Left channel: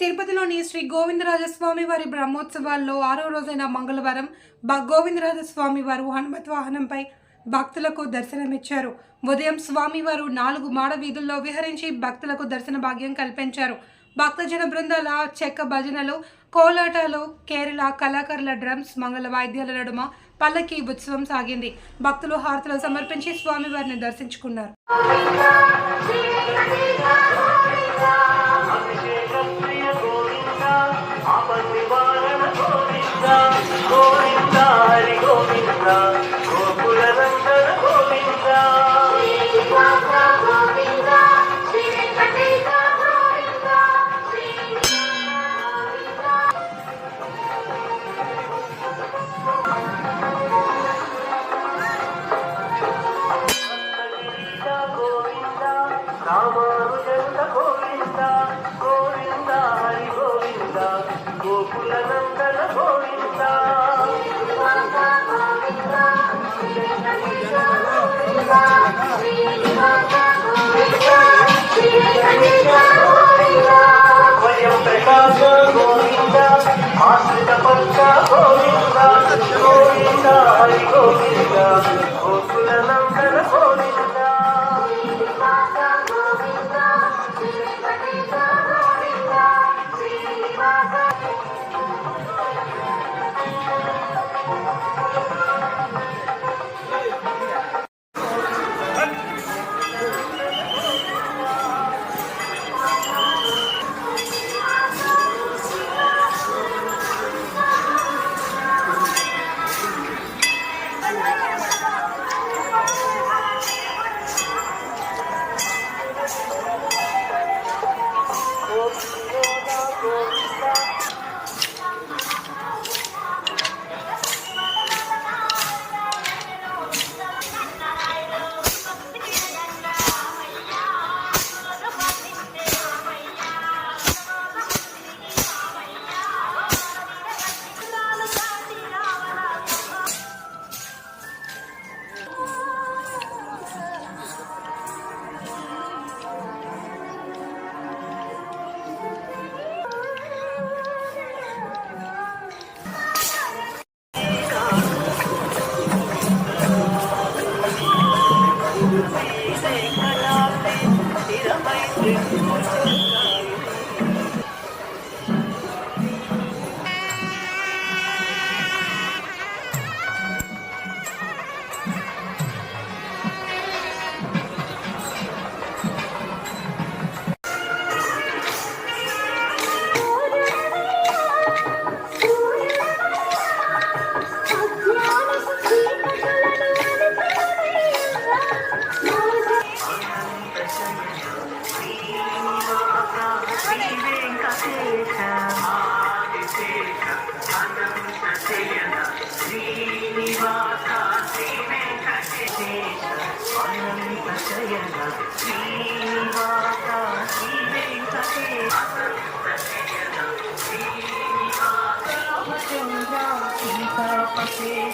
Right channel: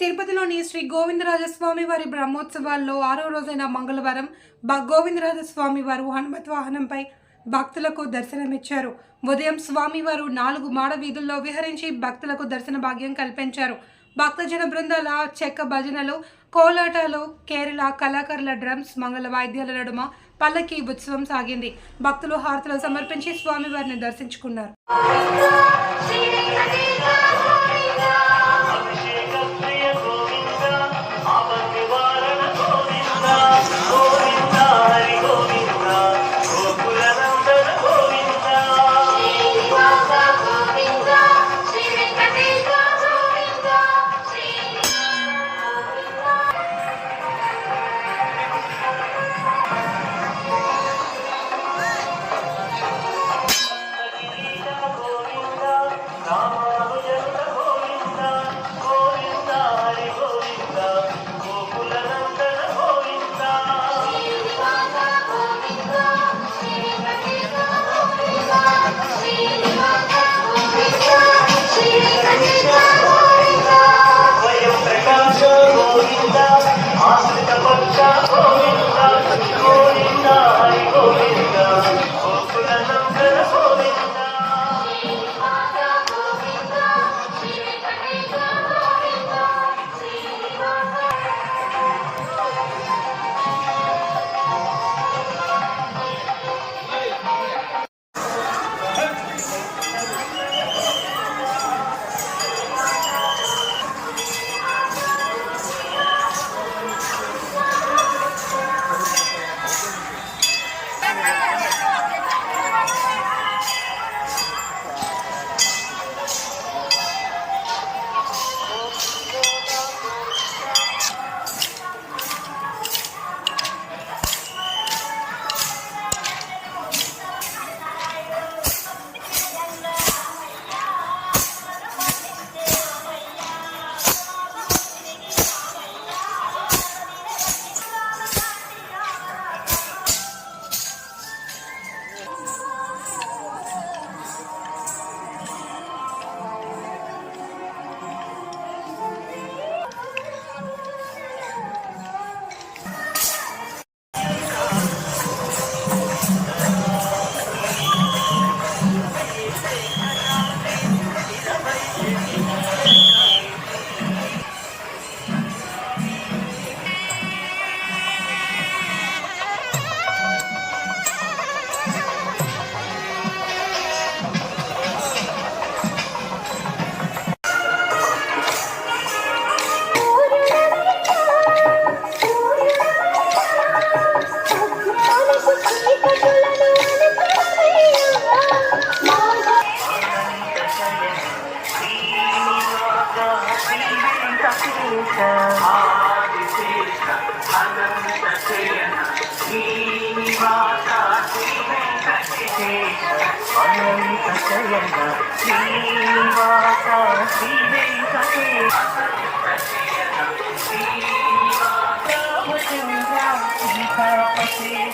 తిరుపతిలోని శ్రీ గోవిందరాజస్వామి వారి బ్రహ్మోత్సవాల్లో 6వ రోజైన మంగళవారం గోవిందరాజస్వామి వారు హనుమత్ వాహనంపై భక్తులకు దర్శనమిచ్చారు. ఉదయం స్వామివారు 4 మాడ వీధుల్లో విహరించి భక్తులకు దర్శన భాగ్యం కల్పించారు. భక్తజన బృందాల చెక్క భజనలు, కోలాటాలు, కేరళ కళాకారుల డ్రమ్స్, మంగళ వాయిద్యాల నడుమ పల్లకి ఉత్సవం సాగింది. భక్తులు హారతులు సమర్పించి స్వామివారిని దర్శించుకున్నారు.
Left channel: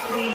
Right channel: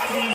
శ్రీ